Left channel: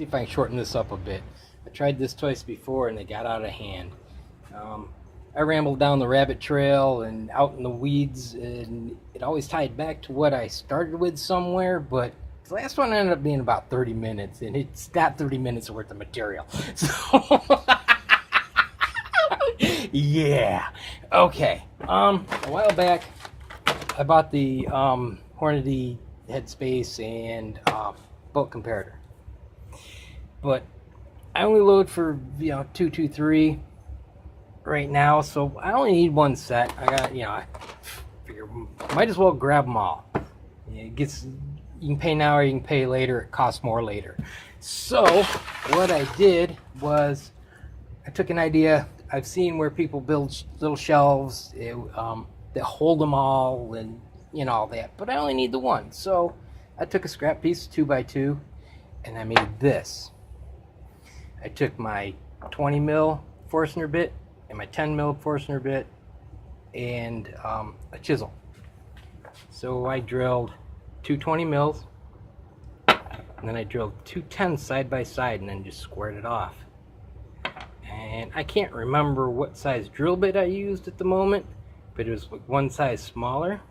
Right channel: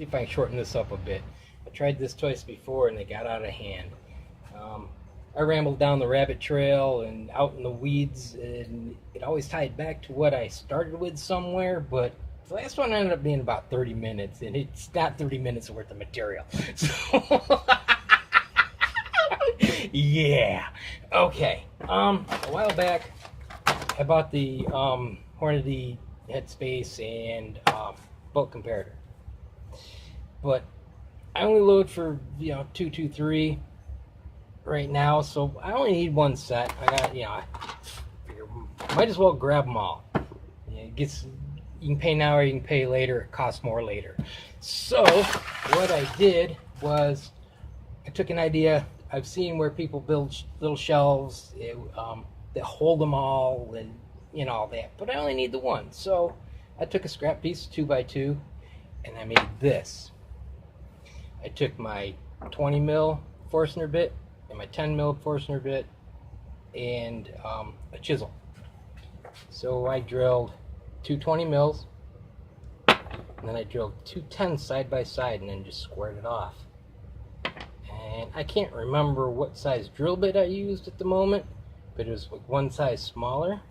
see if I can shorten this up a bit. I tried this twice before and they got out of hand. I rambled down the rabbit trail and out in the weeds, and it always tied back to what I started with somewhere, but the last one ended up being about 30 minutes, and it's not 30 minutes worth of material. So, yeah. Okay. A while back, I bought the Hornady headspace and bulk comparator, but I only load for 223 right now, so I only need one set. I got I figure might as well grab them all. It gets, you can pay now or you can pay later. It costs more later. So what I did was I took an idea. I've seen where people build little shelves that hold them all and all that, but I only need the one. So I took a scrap piece 2x2 and I made this. I took my 20 mil Forstner bit and my 10 mil Forstner bit and a chisel. So I drilled two 20 mils and then I drilled two 10s side by side and then just squared it off. And I can't remember what size drill bit I used at the moment, but it was like one size smaller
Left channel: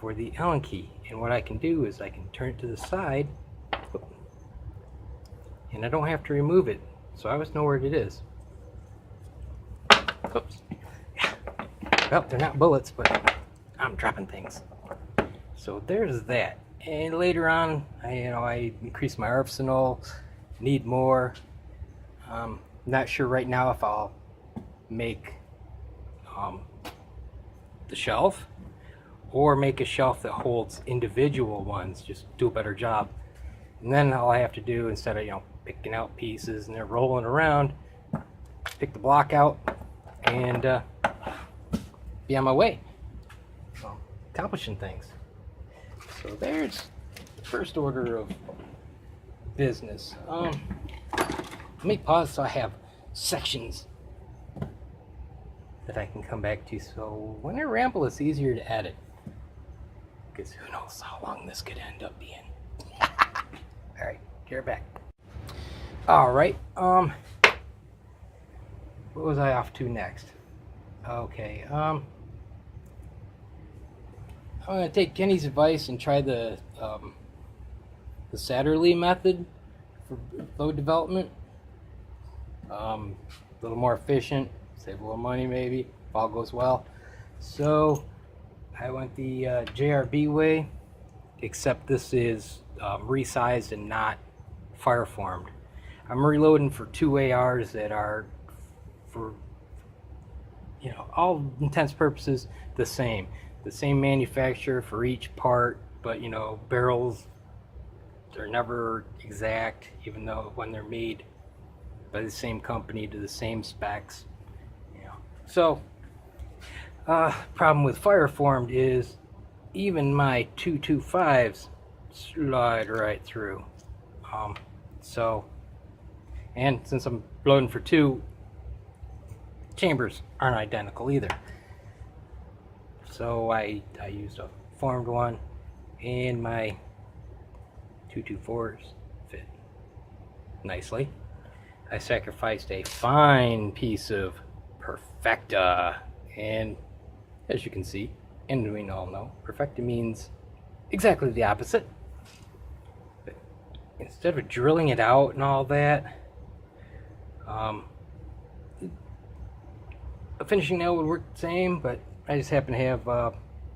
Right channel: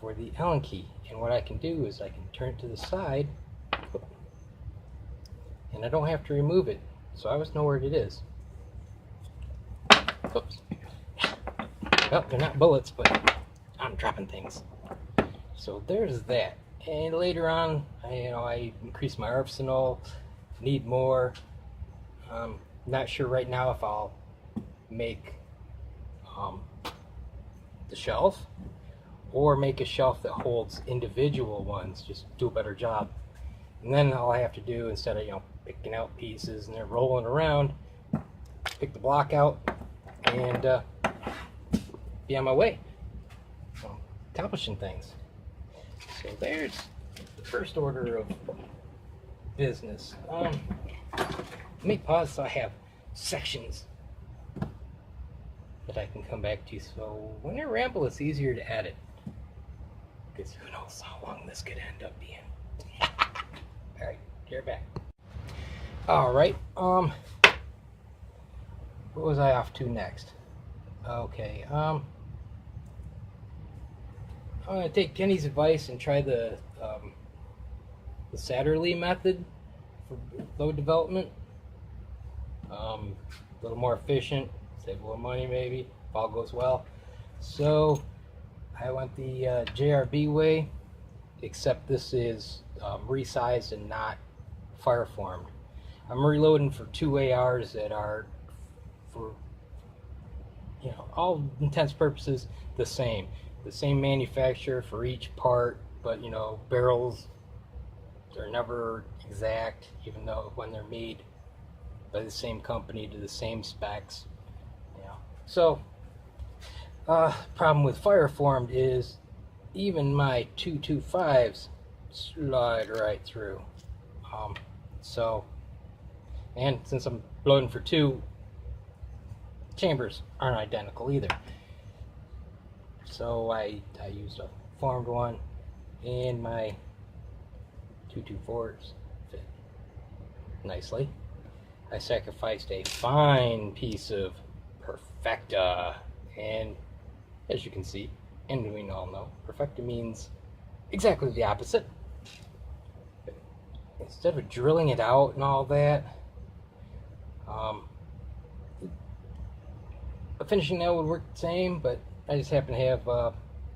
for the Allen key. And what I can do is I can turn it to the side and I don't have to remove it, so I always know where it is. Oops. Well, they're not bullets, but I'm dropping things. So there's that. And later on, I increased my arsenal, need more. Not sure right now if I'll make the shelf or make a shelf that holds individual ones, just do a better job. And then all I have to do, instead of picking out pieces and they're rolling around, pick the block out and be on my way, accomplishing things. So there's the first order of business. Let me pause so I have sections that I can come back to, so when I ramble it's easier to edit, because who knows how long this could end up being. Alright, here back. Alright, what was I off to next? Okay, I'm going to take Kenny's advice and try the Satterley method for load development. A little more efficient, save a little money maybe, if all goes well. So I went the JRB way, except this is resized and not fire formed. I'm reloading for two ARs that are, for all intents and purposes, the same manufacturer for each part, but barrels are never exact, even though when they're made by the same company to the same specs. So problem with fire formed is even my 225s slide right through. And since I'm loading for two, chambers aren't identical either. So I used a formed one, and my 224s fit nicely. I sacrificed a fine piece of Perfecta, and as you can see, and we all know, Perfecta means exactly the opposite. But instead of drilling it out and all that, finishing that would work the same, but I just happen to have a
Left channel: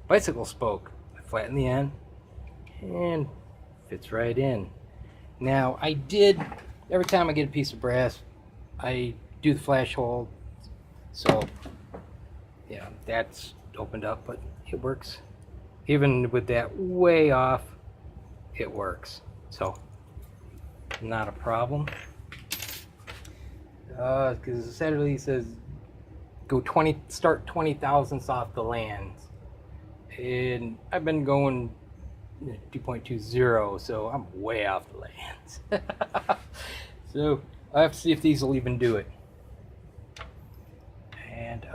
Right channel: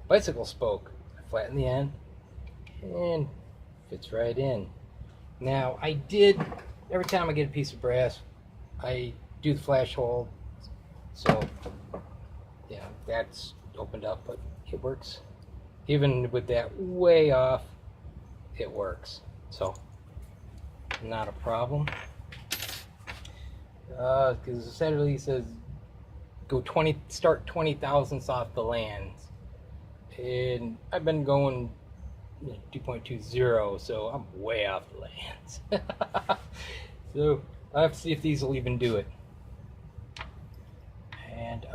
bicycle spoke. I flatten the end and fits right in. Now I did, every time I get a piece of brass, I do the flash hole, so yeah, that's opened up, but it works. Even with that way off, it works, so not a problem. Because Saturday says go start 20 thousandths off the lands, and I've been going 2.20, so I'm way off the lands. So I have to see if these will even do it. And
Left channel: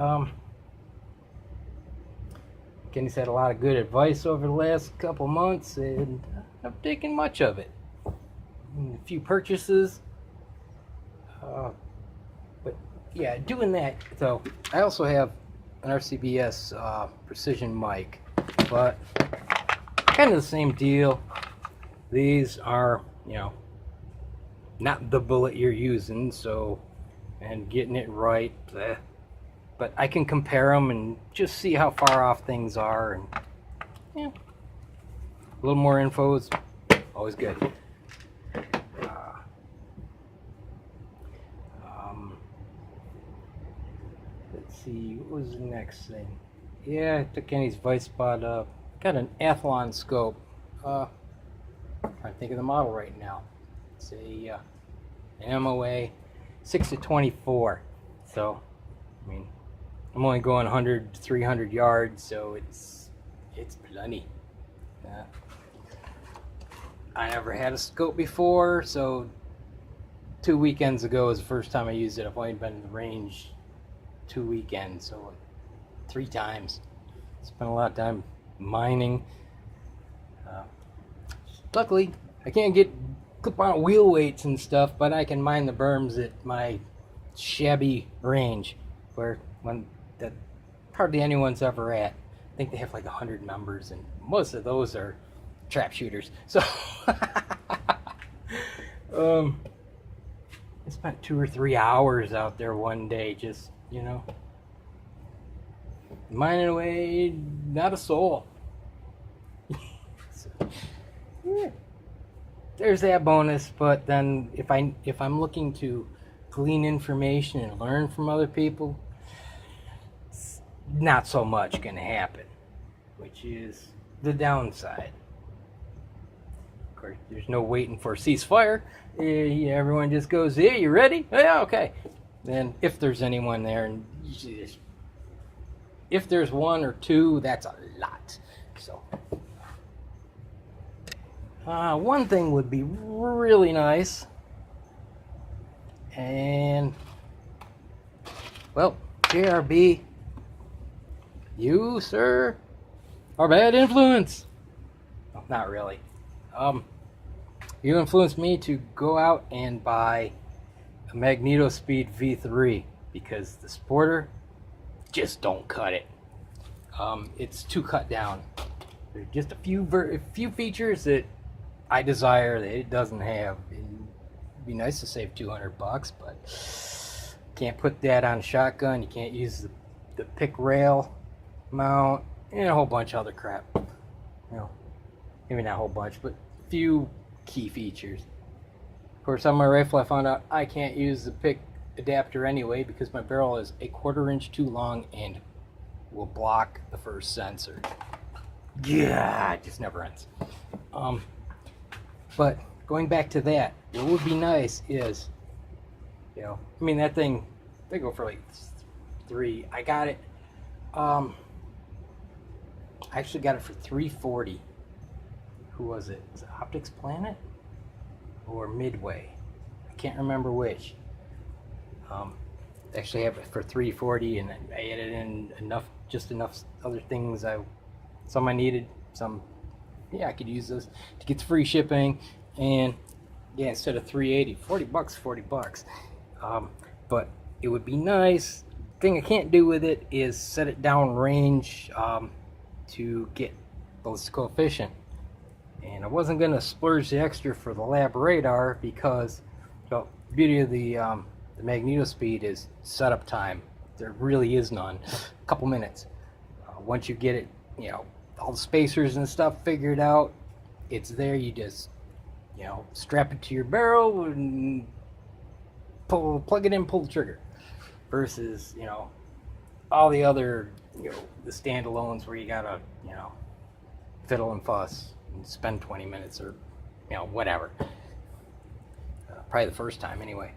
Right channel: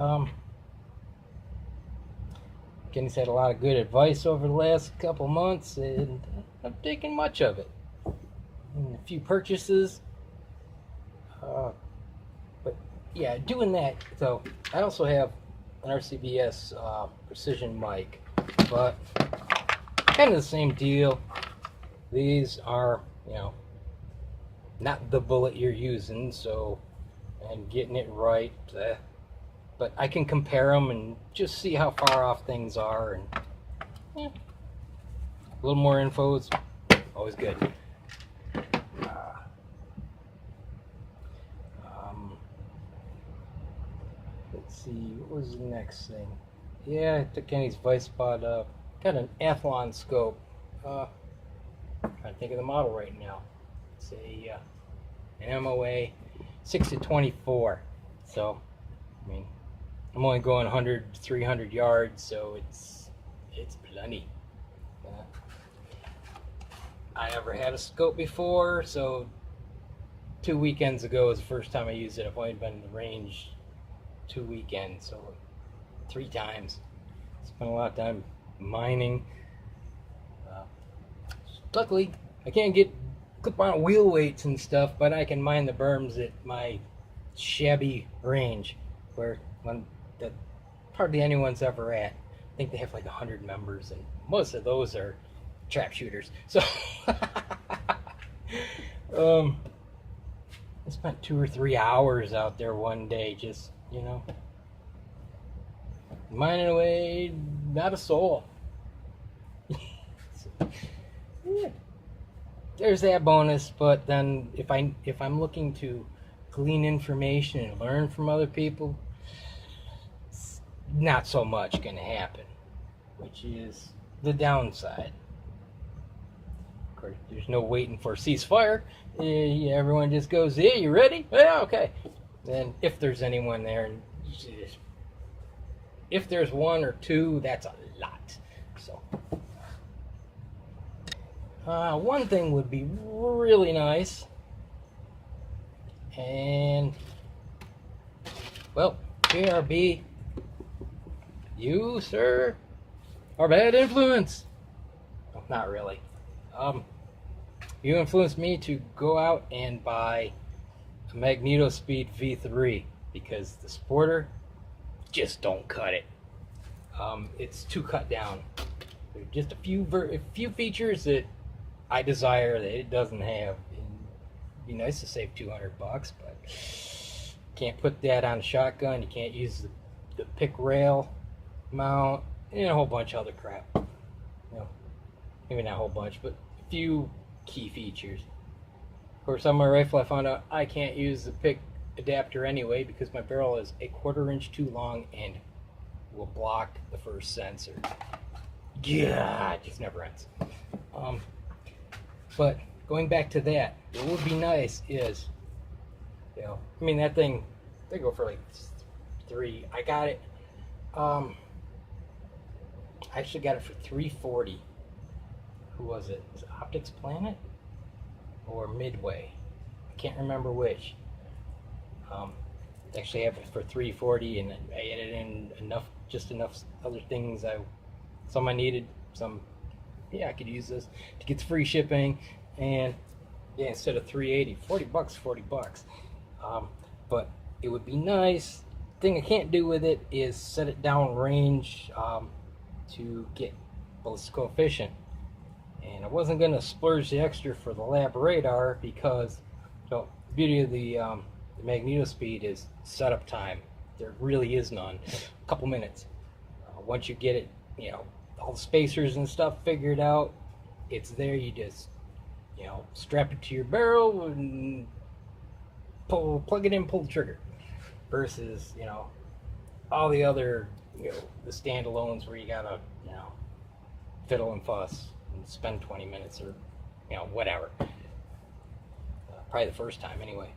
Kenny's had a lot of good advice over the last couple months, and I've taken much of it. and a few purchases. But yeah, doing that. So I also have an RCBS precision mic, but kind of the same deal. These are, you know, not the bullet you're using, so, and getting it right, but I can compare them and just see how far off things are, and yeah, a little more info is always good. Let's see, what was the next thing? Yeah, I took Kenny's Vice Spot up. Got an Athlon scope. I think of the model right now. It's an MOA 6 to 24. So, I mean, I'm only going 100 to 300 yards, so it's plenty. I never had a scope before, so 2 weekends ago was the first time I used it. I've only been in the range 2 weekends, so 3 times. Spent a lot of time mining. Luckily, I can't get clip-on wheel weights and stuff, but I can mine the berms at my shabby range, where that hardly anyone's ever at. I think they have like 100 members, and most of those are trap shooters. So I spent 2 or 3 hours out there one day, just, you know, mining away, not a soul. So, yeah, there's that bonus. But then if I'm looking to glean information and learn from other people, not so much gonna happen, which is the downside. Of course, there's no waiting for a ceasefire. Everyone just goes, "Hey, you ready? Yeah, okay." Then if there's anyone there, and if there's 1 or 2, that's a lot. So one thing would be really nice, and well, JRB, you, sir, are bad influence. No, not really. You influenced me to go out and buy a Magneto Speed V3 because the Sporter just don't cut it. It's too cut down. There's just a few features that I desire that it doesn't have. It'd be nice to save $200, but can't put that on a shotgun. You can't use the pick rail mount and a whole bunch of other crap. You know, maybe not a whole bunch, but a few key features. Of course, on my rifle, I found out I can't use the pick adapter anyway because my barrel is 1/4 inch too long and will block the first sensor. Yeah, it just never ends. But going back to that, what would be nice is, you know, I mean, that thing, they go for like 3. I got it. I actually got it for $340. Who was it? Was it Optics Planet or Midway? I can't remember which. Actually have it for $340, and I added in just enough other things. Some I needed, some, yeah, I could use this to get free shipping, and yeah, instead of $380, $40. But it would be nice. Thing I can't do with it is set it down range to get ballistic coefficient, and I wasn't gonna splurge the extra for the lab radar because, well, the beauty of the Magneto Speed is setup time. There really is none. A couple minutes. Once you get it, you know, all the spacers and stuff figured out, it's there. You just, you know, strap it to your barrel and plug it in, pull the trigger. Versus, you know, all the other, you know, the standalones where you gotta, you know, fiddle and fuss and spend 20 minutes or, you know, whatever. Probably the first time anyway.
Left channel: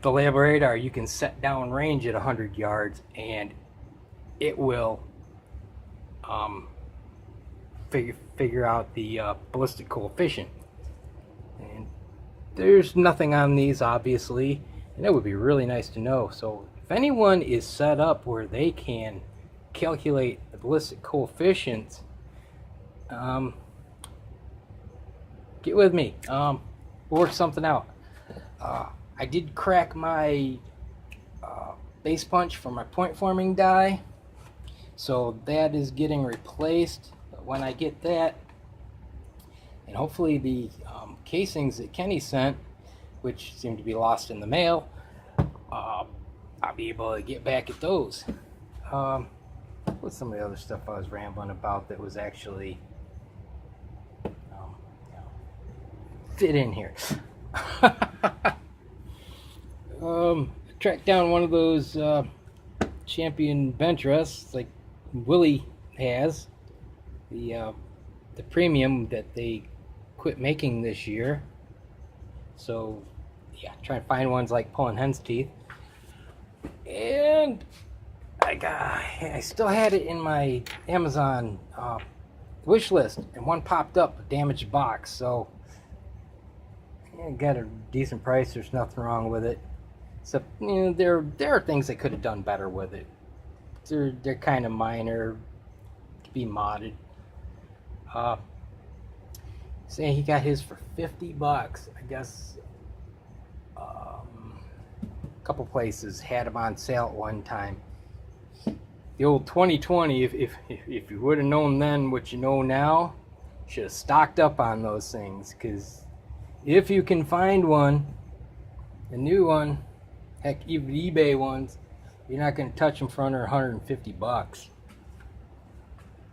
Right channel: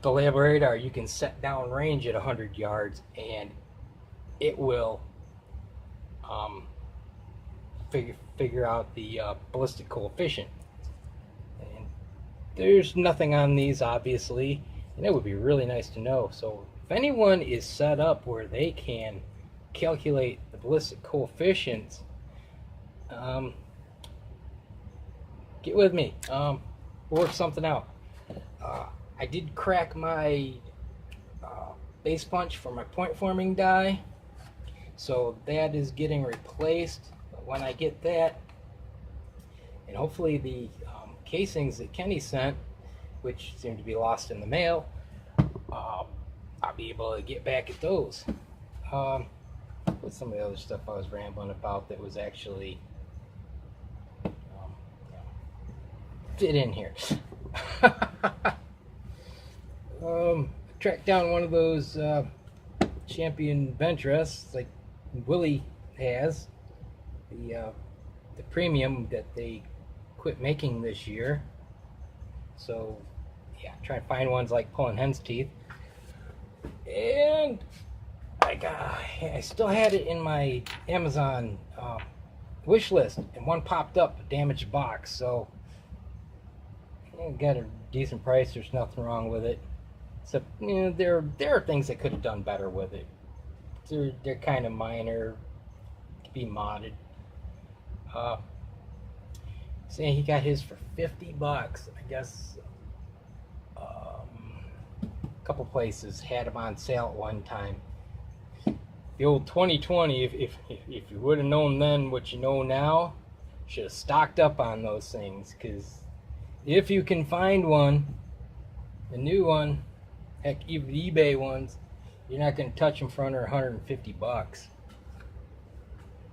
The lab radar, you can set down range at 100 yards and it will figure out the ballistic coefficient. And there's nothing on these, obviously, and that would be really nice to know. So if anyone is set up where they can calculate the ballistic coefficients, get with me. we'll work something out. I did crack my base punch for my point forming die, so that is getting replaced. But when I get that, and hopefully the casings that Kenny sent, which seem to be lost in the mail, I'll be able to get back at those. What's some of the other stuff I was rambling about that was actually fit in here? Tracked down one of those champion bench rests like Willie has, the premium that they quit making this year. So yeah, trying to find ones like pulling hen's teeth. And I still had it in my Amazon wish list, and one popped up, a damaged box. So yeah, got a decent price. There's nothing wrong with it. So you know, there are things they could have done better with it. They're kind of minor, could be modded. Saying he got his for $50. I guess a couple places had them on sale at one time. The old 2020. If you would have known then what you know now, should have stocked up on those things. Because if you can find one, a new one, heck, even eBay ones, you're not going to touch them for under $150.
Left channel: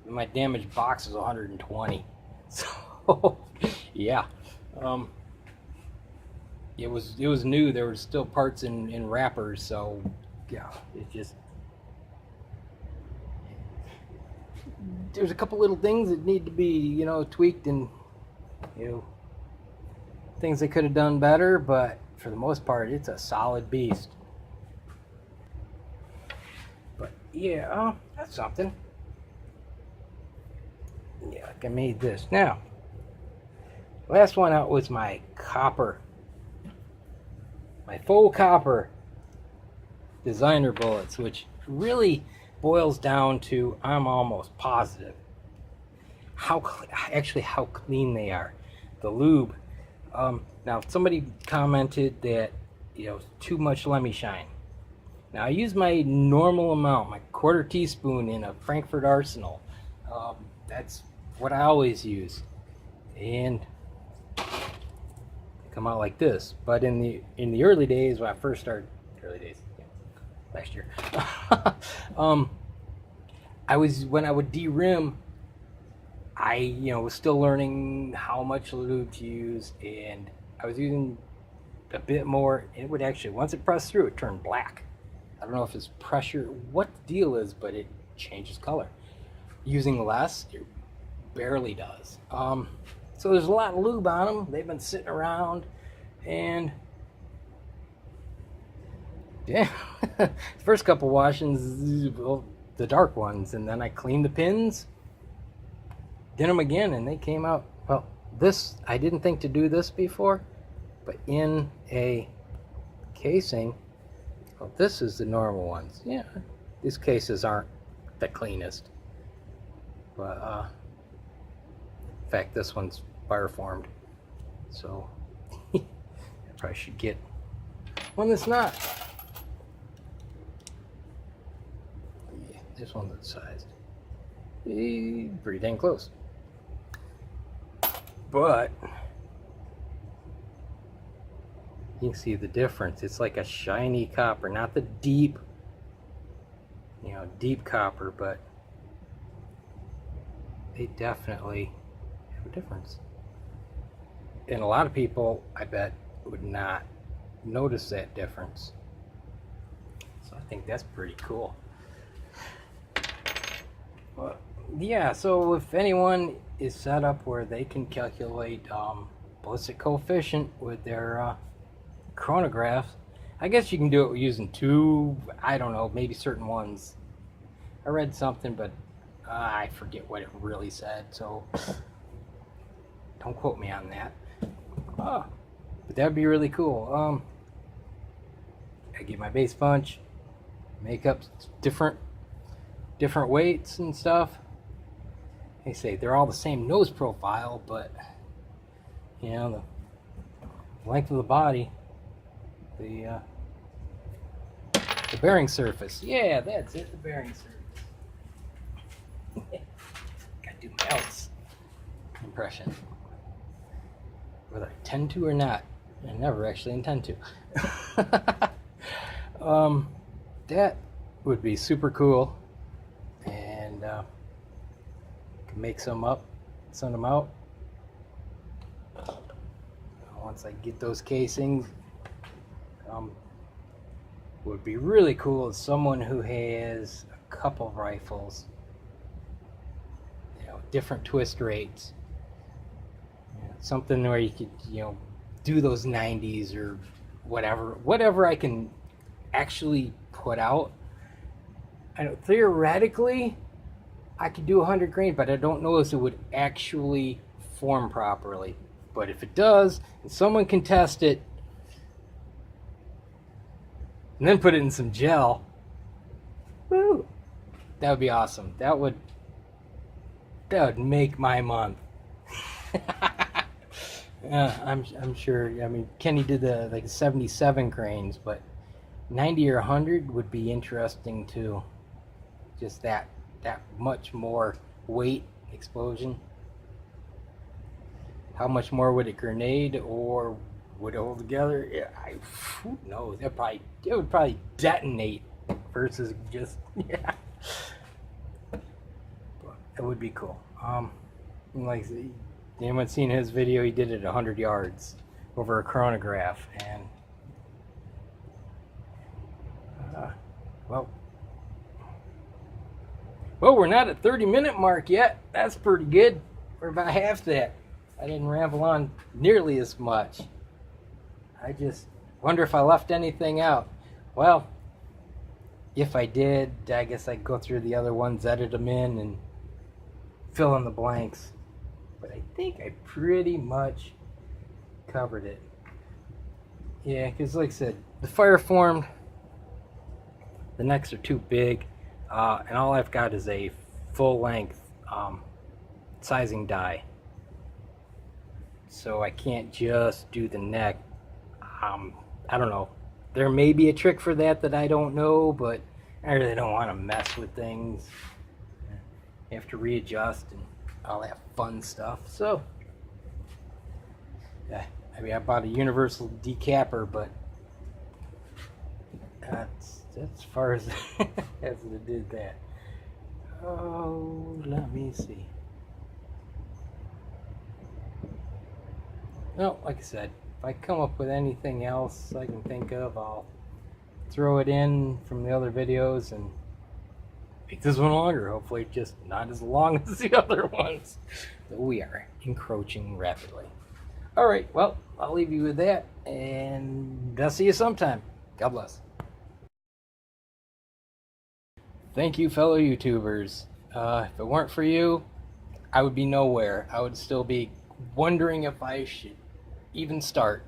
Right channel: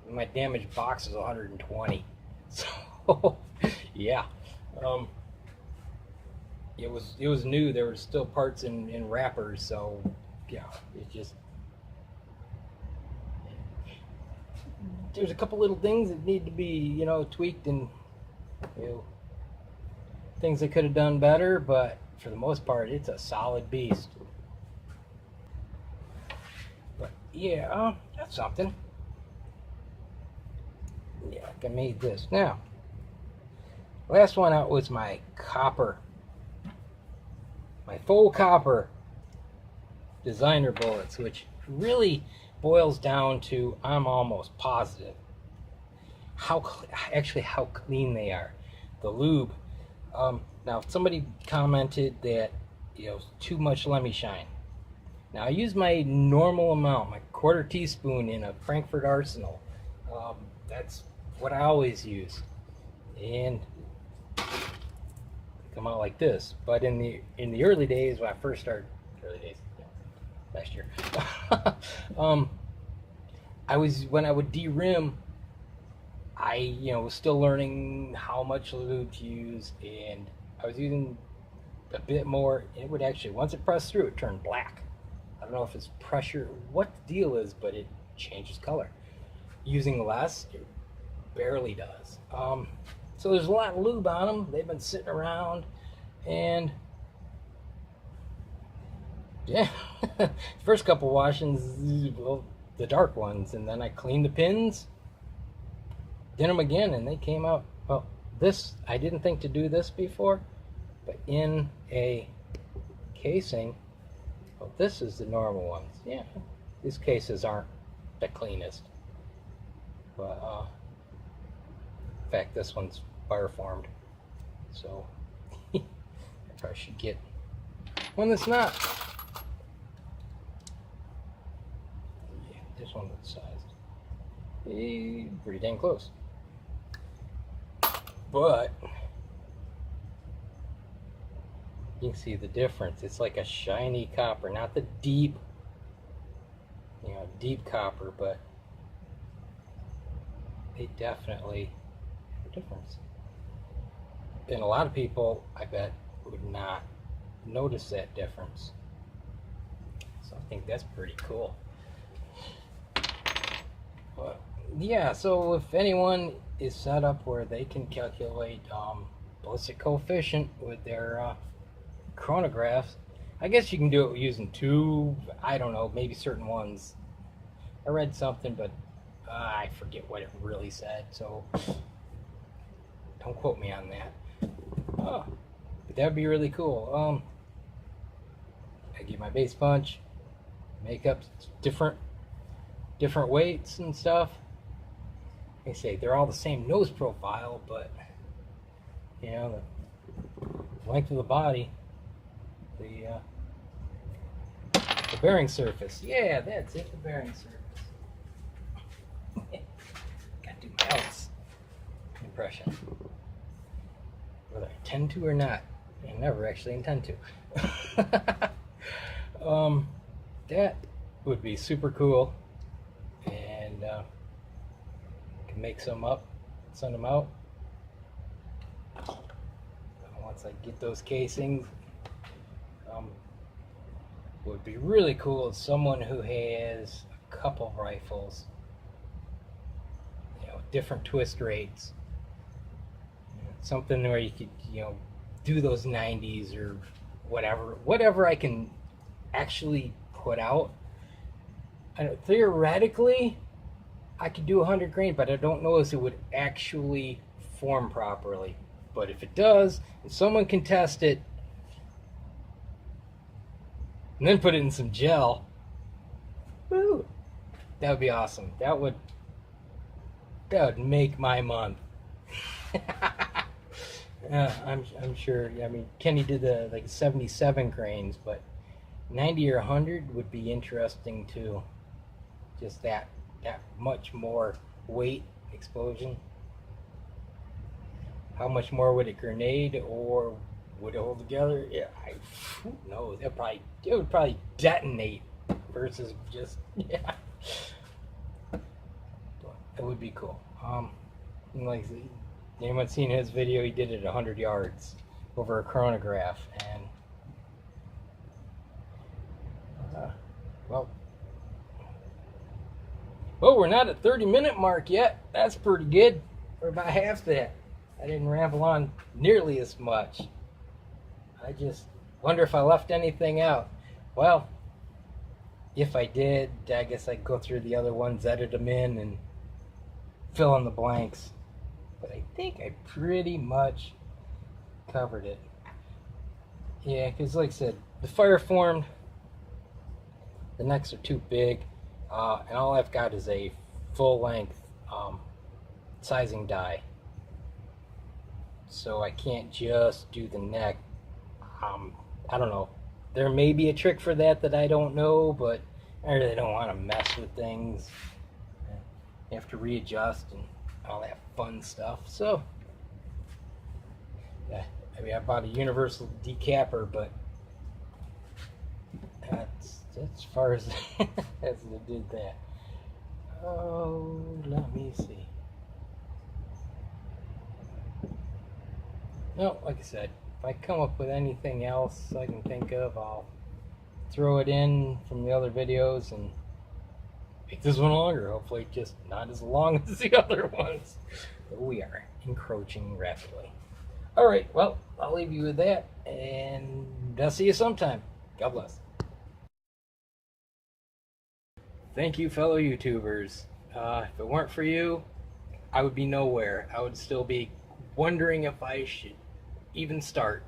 My damaged box is $120. So yeah, it was new. There were still parts in wrappers. So yeah, it just, there's a couple little things that need to be, you know, tweaked, and you know, things they could have done better, but for the most part it's a solid beast. But yeah, that's something. Yeah, I made this. Now, last one out was my copper, my faux copper designer bullets, which really boils down to, I'm almost positive how clean they are. The lube. Now somebody commented that, you know, too much Lemmy Shine. Now I use my normal amount, my quarter teaspoon in a Frankfurt Arsenal. That's what I always use, and they come out like this. But in the early days when I first started, last year, when I would de-rim, I was still learning how much lube to use, and I was using a bit more, and it would actually, once it pressed through, it turned black. I don't know if it's pressure, what the deal is, but it changes color. Using less, it barely does. So there's a lot of lube on them. They've been sitting around, and yeah, first couple washings, well, the dark ones, and then I cleaned the pins, did them again, and they came out. Well, this, I didn't think to do this before, but in a casing, well, this is the normal ones. Yeah, these cases aren't the cleanest, but in fact, this one's fire formed, so I probably should get one that's not. Yeah, this one's that size. Pretty dang close. But you can see the difference. It's like a shiny copper, not the deep, deep copper, but they definitely have a difference. And a lot of people, I bet, would not notice that difference. So I think that's pretty cool. Well, yeah, so if anyone is set up where they can calculate ballistic coefficient with their chronographs, I guess you can do it using two, I don't know, maybe certain ones. I read something, but I forget what it really said, so don't quote me on that. But that'd be really cool. I get my base punch, make up different weights and stuff. They say they're all the same nose profile, but the length of the body, the bearing surface. Yeah, that's it, the bearing surface. Gotta do my Alex impression. Whether I intend to or not. I never actually intend to. That would be super cool. And can make some up, send them out. Once I get those casings, would be really cool is someone who has a couple rifles, different twist rates, something where you could, do those 90s or whatever I can actually put out. I know theoretically I could do 100 grain, but I don't know if it would actually form properly. But if it does, and someone can test it and then put it in some gel, woo, that would be awesome. That would make my month. Yeah, I'm sure. I mean, Kenny did the 77 grains, but 90 or 100 would be interesting too. Just that much more weight explosion. How much more would it grenade, or would it hold together? Yeah, who knows? It would probably detonate versus just But it would be cool. Like, anyone seen his video? He did it 100 yards over a chronograph, and well, we're not at 30-minute mark yet. That's pretty good. We're about half that. I didn't ramble on nearly as much. I just wonder if I left anything out. Well, if I did, I guess I'd go through the other ones, edit them in, and fill in the blanks. But I think I pretty much covered it. Yeah, because like I said, the fire formed, the necks are too big, and all I've got is a full-length sizing die. So I can't just do the neck. I don't know. There may be a trick for that I don't know, but I really don't want to mess with things. You have to readjust and all that fun stuff. So, yeah, I mean, I bought a universal decapper, but that's as far as as it did that. Oh, let me see. No, like I said, if I come up with anything else I can think of, I'll throw it in from the other videos and make this one longer. Hopefully just not as long as the other ones. But we are encroaching rapidly. Alright, well, I'll leave you with that, and I'll see you sometime. God bless. Thank you, fellow YouTubers. If it weren't for you, I would be nowhere. I would still be wondering if I should even start.